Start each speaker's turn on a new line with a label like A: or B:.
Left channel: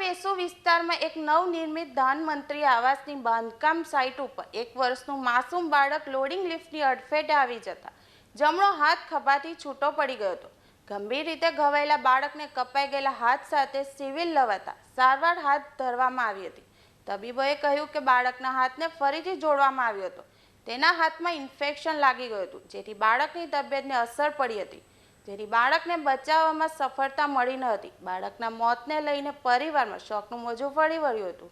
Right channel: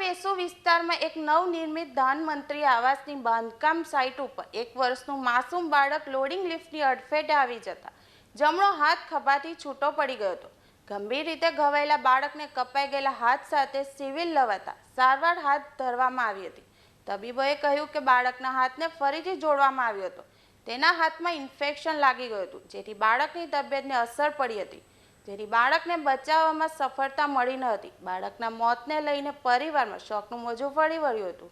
A: વેસુ વિસ્તારમાં એક નવનિર્મિત ધનમંત્રી આવાસની બાંધકામ સાઇટ ઉપર એક વર્ષનું માસૂમ બાળક લોડિંગ લિફ્ટની અડફેટે આવી જતા જમણો હાથ ખભાથી છૂટો પડી ગયો હતો. ગંભીર રીતે ઘવાયેલા બાળકને કપાઈ ગયેલા હાથ સાથે સિવિલ લવાતા સારવાર હાથ ધરવામાં આવી હતી. તબીબોએ કહ્યું કે બાળકના હાથને ફરીથી જોડવામાં આવ્યો હતો. તેના હાથમાં ઇન્ફેક્શન લાગી ગયું હતું, જેથી બાળકની તબિયતને અસર પડી હતી. જેથી બાળકને બચાવવામાં સફળતા મળી ન હતી. બાળકના મોતને લઈને પરિવારમાં શોકનું મોજું ફરી વળ્યું હતું.